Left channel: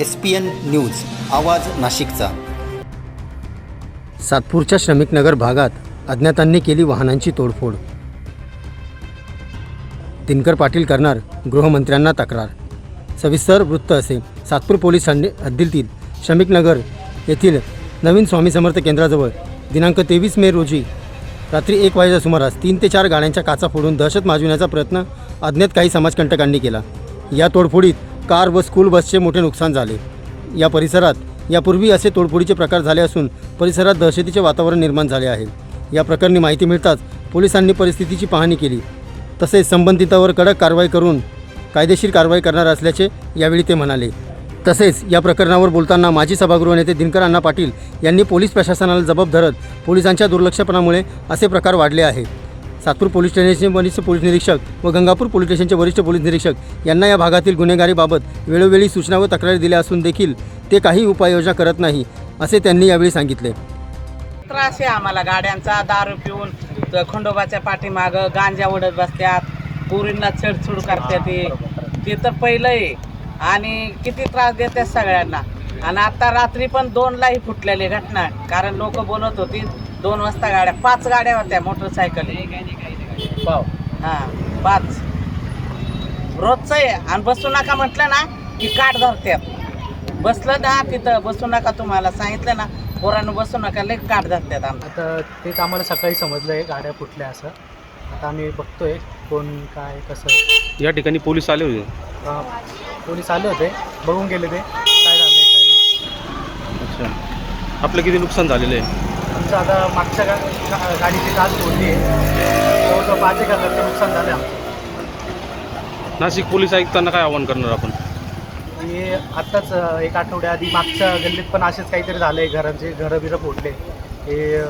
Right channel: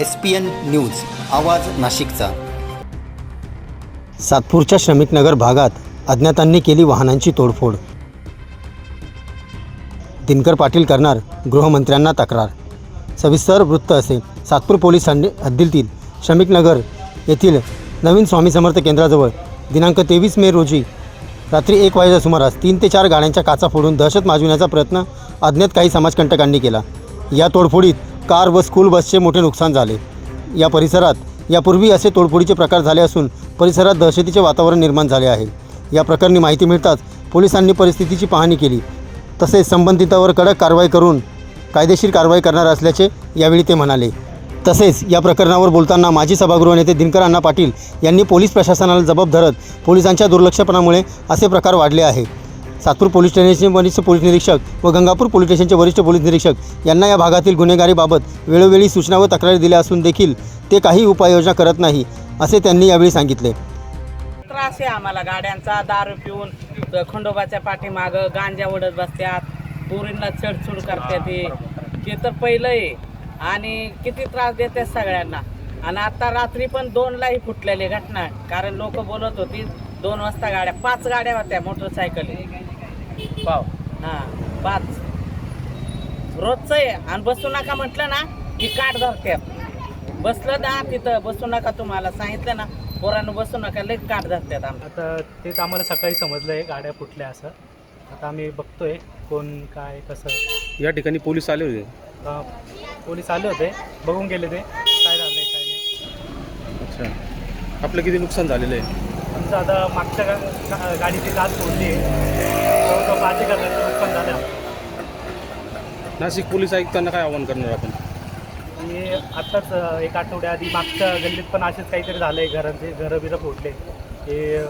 S P N news आवाज नाशिकचा. सातपूरच्या श्रमिकनगर भागात अज्ञातांनी केली वाहनांची तोडफोड. दिनकर पाटील करणार गृहमंत्र्यांना तक्रार. सविस्तर वृत्त असे. सातपूर पोलिसांनी हद्दीतील श्रमिकनगर येथील नवीन स्वामी समर्थ केंद्राजवळ दिनांक तेवीस मे रोजी रात्री एक वाजेच्या सुमारास तीन ते चार गाड्यांच्या काचा फोडून दहशत माजविण्याचा प्रयत्न अज्ञात काही समाजकंटकांनी केला. या तोडफोडीत कार व स्कूल बसचे मोठे नुकसान झाले. या परिसरात यापूर्वी असे तोडफोडीचे प्रकार झाले असून परिसरात दहशतीचे वातावरण निर्माण झाले आहे. या प्रकरणी माहिती मिळताच पोलिसांनी परिस्थितीची पाहणी केली. तसेच संबंधितावर कडक कारवाई करून कायदेशीर कारवाई करणार असल्याचे यावेळी ते म्हणाले. तसेच या प्रकरणावर बोलताना माजी सभागृह नेते दिनकर अण्णा पाटील यांनी पोलीस प्रशासनाला जबाब धरत पोलिसांच्या दुर्लक्षपणामुळे असे प्रकार वाढले आहे. सातपूर पोलीस स्टेशनचे वरिष्ठ पोलीस निरीक्षक व गंगापूर पोलीस स्टेशनचे वरिष्ठ पोलीस निरीक्षक यांना या भागातील गुन्हेगारीबाबत वेळोवेळी सूचना व तक्रारी दिल्या असून देखील ते काही उपाययोजना करत नाही असे त्यांनी यावेळी सांगितले. त्रास आहे आम्हाला गाड्यांचा दारू पिऊन खंडोबाच्या पाठीमागं गांजा उडत बसतात पुरींना छेडछूड करतात ते ते तर पहिलं आहे. आणि किती त्रास देतात सगळ्यांना. आणि आता रात्री पण दोनलाही फुटलेली घटना. कारण लोक बोलत होती दोन वाजता गाड्या पाच गाड्या होत्या मोटरसायकल हा पाच रोजचं आहे. आणि बसू नका म्हटलं ना की काट धरत्यात. बसलं ना तिथं बसू नका तुम्हाला. सांगितलं ना पोरानं बसू नका. लई काट धरत्यात आमचं आता तेच आम्हाला सकाळी समजलं आहे गाड्या फुटल्या असं. आता आम्ही बघतोय कोण काय कसं. या ठिकाणी पोलीस आले होते. अं, पोलीस आले होते. बघून गेले ते. काय झालं काय नाही. अच्छा. आपलं किती नुकसान झालेलं आहे? आमचं आता मागच्या गा गा- गाडीची काच फोडली. आहे पाच एक हजारचं नुकसान झालं. नाशिक पोलीस आयुक्तांना काय आवाहन करणार आपण? की आत्ताच एक आठवड्याआधी मागच्या गल्लीत पण असेच काहीतरी झालं आहे घराचे घरं बिरं फोडले. हे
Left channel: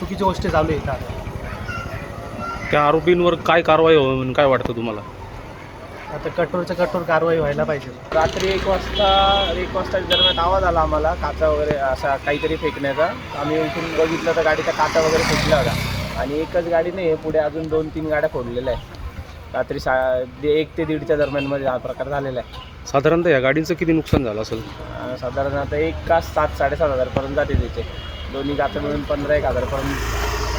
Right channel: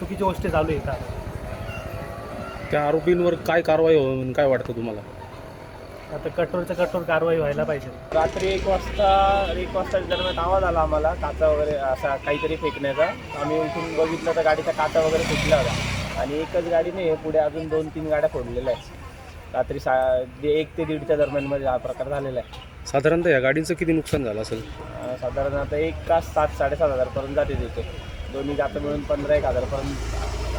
चुकीची गोष्टी चालू आहे का त्या आरोपींवर काय कारवाई व्हावी म्हणून काय वाटतं तुम्हाला? आता कठोरच्या कठोर कारवाई व्हायला पाहिजे. रात्री एक वाजता एक वाजता दरम्यान आवाज आला आम्हाला काचा वगैरे असा काहीतरी फेकण्याचा. आम्ही उठून बघितलं तर गाडीच्या काचा वगैरे फेकल्या होत्या आणि एकच गाडी नाही आहे पुढे अजून दोन तीन गाड्या फोडलेल्या आहेत. रात्री सा दे- एक ते दीडच्या दरम्यानमध्ये हा प्रकार झालेला आहे. साधारणतः या गाडींचं किती नुकसान झालं असेल? अं, साधारण आता एक का सात साडेसात हजारपर्यंत जाते त्याचे दोन्ही काचा मिळून पंधरा एक हजारपर्यंत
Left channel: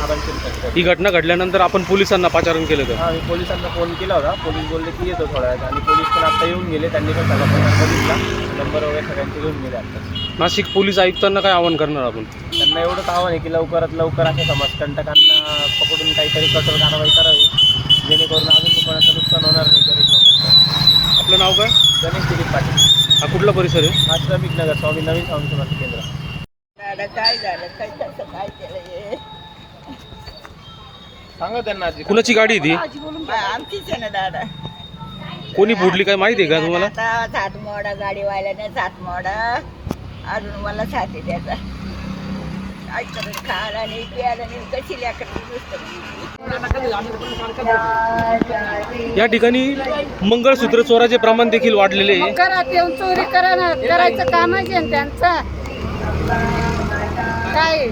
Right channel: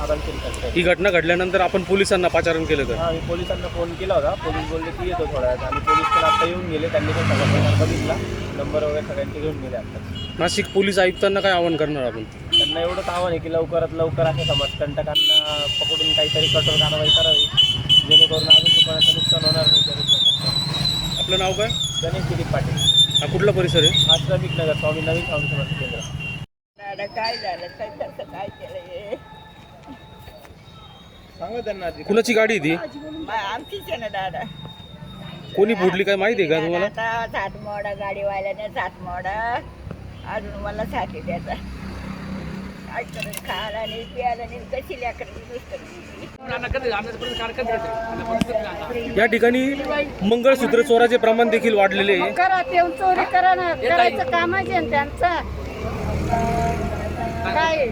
आपण किंमत ही घटना घडल्यानंतर आपण पोलिसांना पाचारण केलं का? हां मी पोलिसांना फोन केला होता. पोलीस बोलले की येतो थोड्या वेळात. आणि पोलीस पण आता येऊन गेले. त्यांनी पण नंबर वगैरे सगळ्यांचे घेऊन गेले. नाशिक पोलीस आयुक्तांना काय आवाहन करणार आपण? त्यांना एवढंच आव्हान आहे की लवकरात लवकर अशा समाजकंटकांना पकडून काहीतरी कठोर कारवाई करावी. जेणेकरून अजून दुकानाचं नुकसान होणार नाही तरी. आपलं नाव काय? गणेश दिलीप पाटील. हा कुठला परिसर आहे? हा श्रमिक नगर स्वामी नवीन स्वामी केंद्र. काय झालं? काय केलं सांगा त्यांना कुणाची गाडी ती? आमचीच आहे ना दादा. कोणी फोडली काय माहिती आहे का तुम्हाला? आता सात मोडा गाडी वाल्याने सात मोडा अजून मला साथी द्यायचा आणि आणि कशी या ठिकाणी मंगळसूत्र चोराचे प्रमाण देखील वाढलेले आहे. येऊन चोरी करा ना. करायचं कामच आहे ना त्यांचं. काय?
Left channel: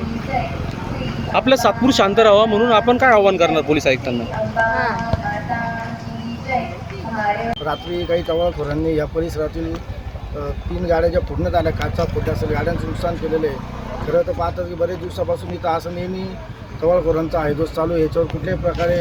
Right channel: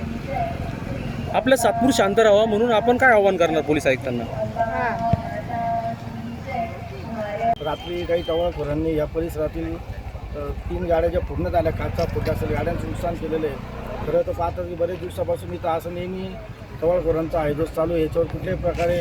आपलं सातपूर शांत राहावं म्हणून आपण काय आवाहन करणार पोलीस आयुक्तांना? हा. रात्री काही टवाळखोरांनी या परिसरातील तीन गाड्या ज्या फोडण्यात आल्या काचा फोडल्या असेल गाड्यांचं नुकसान केलेलं आहे. खरं तर पाहतात की बरेच दिवसापासून इथं असं नेहमी टवाळखोरांचा हायदोस चालू आहे. याच्यावर कुठल्याही प्रकारे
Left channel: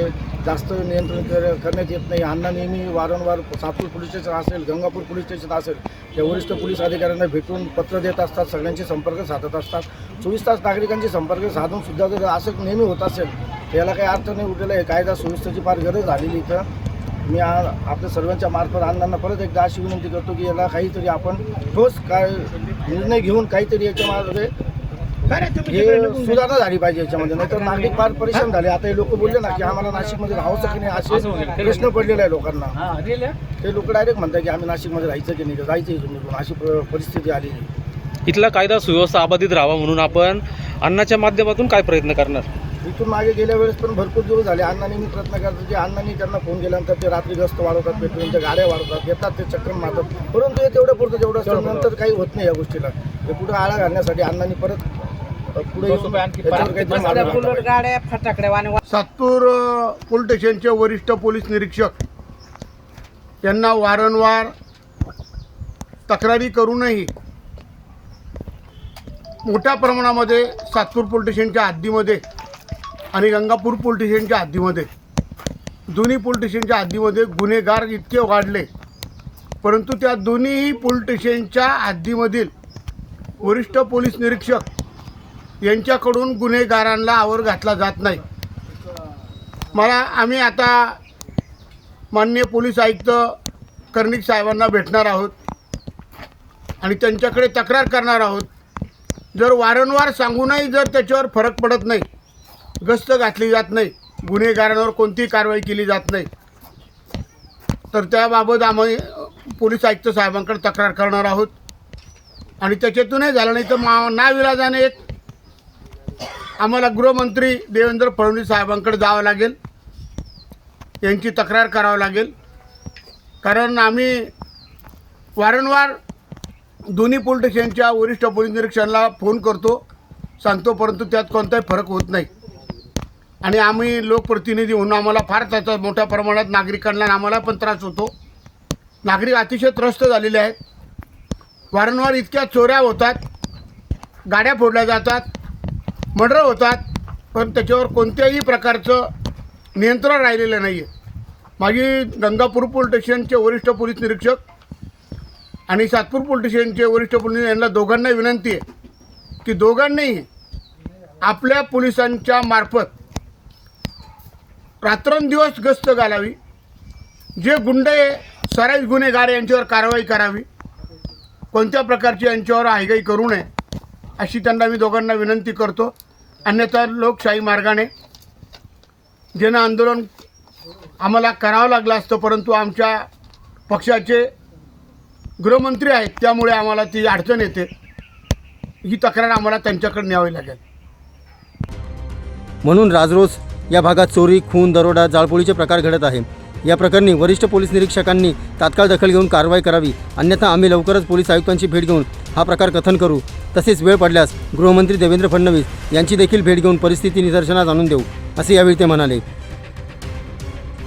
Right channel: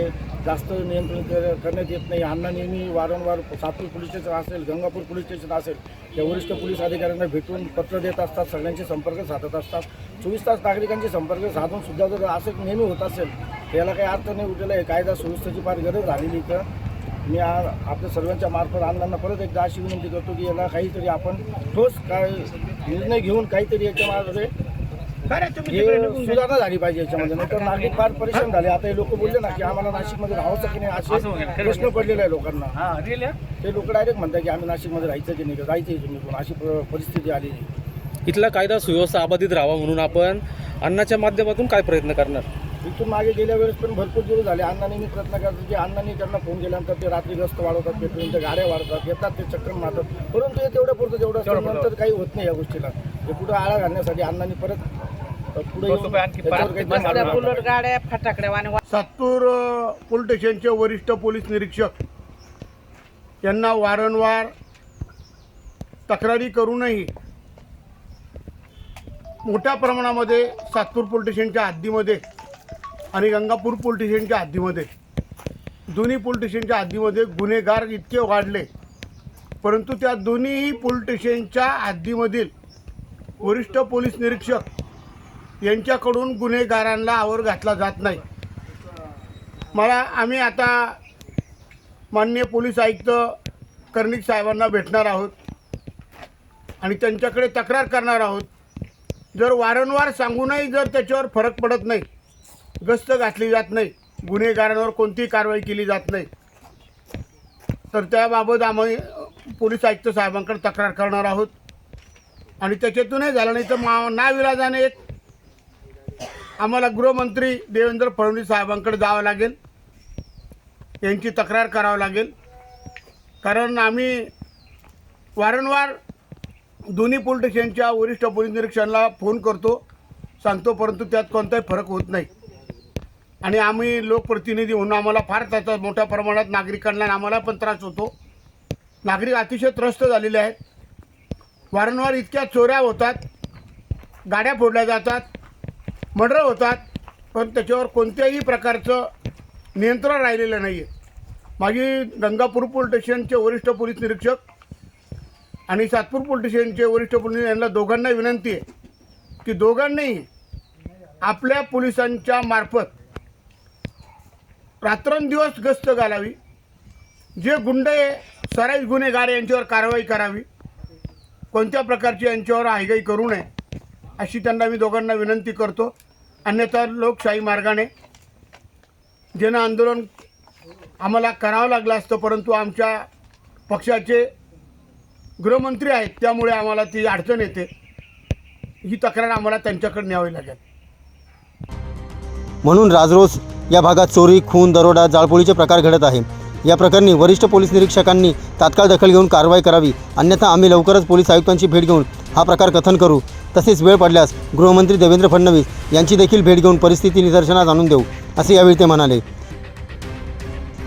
जास्त नियंत्रण करण्यात येत नाही. अण्णा नेहमी वारंवार सातपूर पोलीस स्टेशन असेल गंगापूर पोलीस स्टेशन असेल ते वरिष्ठ पोलीस अधिकाऱ्यांना भेटून पत्र देत असतात सगळ्यांचे संपर्क साधत असतात. चोवीस तास नागरिकांचे संपर्क साधून सुद्धा जर असं नेहमी होत असेल याला काही अर्थ नाही उठलेला आहे. कायदा सुव्यवस्थेची फार गरज झालेली इथं. मी आ आपल्या सर्वांच्या मार्फत अण्णांना परत एकदा अशी विनंती करतो की याला काहीतरी आपण ठोस काय निर्णय घेऊन काहीतरी याच्यामध्ये हे सुधारणा झाली पाहिजे याच्यामध्ये. नाहीतर नागरिक फार परेशान झाले. आता हे लोक बोलले ना की आम्हाला नाशिकमध्ये राहावंसं की नाही असे प्रश्न पडलेला आहे लोकांना. ते लोक डायरेक्ट म्हणतात की आम्ही नाशिकमध्ये राहायचं की नाही जायचं निघून अशी परिस्थिती आलेली आहे. इथला कायदा सुव्यवस्था अबाधित राहावा म्हणून आपण अन्नाच्या माध्यमातून काय प्रयत्न करणार? इथून मागे गेल्या वेळेस पण भरपूर दिवस झाले. अण्णांनी मी प्रयत्न करतो की अण्णांनी त्यांना फोन केल्यानंतर ते रात्री गस्त वाढवतात पेट्रोलच्या गाड्या वाढवतात येतात ते चक्कर मारतात. परंतु हे तेवढं पुरतं जेवढं असतं. नंतर काही होत नाही या गोष्टीला. हे कुठं आळा घालण्यासाठी अण्णांनी परत सातूर पोलीस स्टेशनचे वरिष्ठ पोलीस निरीक्षक यांना वारंवार तक्रारी करूनही मोठ्या प्रमाणामध्ये सातपूर पोलीस स्टेशनच्या हद्दीमध्ये आणि गंगापूर पोलीस स्टेशनच्या हद्दीमध्ये. दोन्ही पोलीस स्टेशनच्या हद्दीमध्ये गुन्हेगार इतके वाढले. परंतु त्या दोन्ही पोलीस स्टेशनच्या हद्दीमधील वरिष्ठ पोलीस निरीक्षक यांच्याकडून गुन्हेगारांना आवर घातला जात नाही. मला आम्ही आता माननीय पोलीस आयुक्त कर्णिक साहेबांना भेटणार आहोत आणि त्यांच्याकडे तक्रार करणार आहोत. जर वारंवार सांगूनही जर त्याच्यावर फरक पडत नाही गस्त घातली जात नाही. गुन्हेगारांवर कोणतीही कारवाई केली जात नाही. तर त्याबाबत आम्ही पोलीस आयुक्त साहेबांकडे तक्रार करणार आहोत. आणि त्याच्यातूनही झालं नाही तर मा नाविलाजाने एक आम्हाला गृहमंत्री देवेंद्र फडणवीस साहेबांकडे जावं लागेल. यांची तक्रार करावं लागेल. कारण आम्ही वारंवार दोन्ही पोलीस स्टेशनच्या वरिष्ठ पोलीस निरीक्षणाला फोन करतो. सांगतो परंतु त्यात कोणताही फरक होत नाही. आणि आम्ही लोकप्रतिनिधी म्हणून आम्हाला फार त्याचा मोठ्या प्रमाणात नागरिकांना आम्हाला पण त्रास होतो. नागरिक अतिशय त्रस्त झालेले आहेत. वारंवार इतक्या चोऱ्या होतात. गाड्या फोडल्या जातात. मर्डर होतात. पण त्याच्यावर कोणत्याही प्रकारचं नियंत्रण राहिलेलं नाही आहे माझी गंगापूर पोलीस स्टेशनचे वरिष्ठ पोलीस निरीक्षक आणि सातपूर पोलीस स्टेशनचे वरिष्ठ पोलीस यांना दोघांना विनंती आहे की दोघांनाही आपल्या पोलिसांच्या मार्फत रात्रंदिवस गस्त घालावी. जे गुंडे सराईज गुन्हेगार यांच्यावर कारवाई करावी. कोणत्या प्रकारची यांच्यावर हायगाई करू नये अशी त्यांना मी दोघांना विनंती करतो. अन्यथा लोकशाही मार्गाने जन आंदोलन आम्हाला करावं लागलं असतं परंतु आमच्या पक्षाचे गृहमंत्री आहेत त्यामुळे आम्हाला ती अडचण येते. ही तक्रार आम्हाला त्यांच्याकडे न्यावी लागेल. म्हणून राजरोस या भागात चोरी खून दरोडा जाळपोळीचे प्रकार घडत आहे. या प्रकरणी वरिष्ठ पोलीस निरीक्षकांनी तात्काळ दखल घेऊन कारवाई करावी. अन्यथा आम्ही लवकरच पोलीस आयुक्तांची भेट घेऊन हा प्रकार कथन करू. तसेच वेळ पडल्यास गृहमंत्री देवेंद्र फडणवीस यांची देखील भेट घेऊन परिस्थिती निदर्शनास आणून देऊ असे यावेळी ते म्हणाले.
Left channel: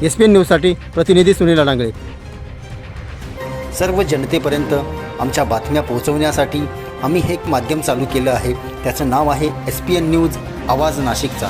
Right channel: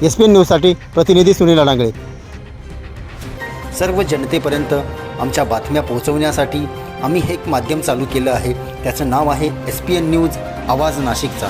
एस पी एन न्यूजसाठी प्रतिनिधी सुनील अडांगळे सर्व जनतेपर्यंत आमच्या बातम्या पोहोचवण्यासाठी आम्ही हे एक माध्यम चालू केलं आहे. त्याचं नाव आहे एस पी एन न्यूज आवाज नाशिकचा.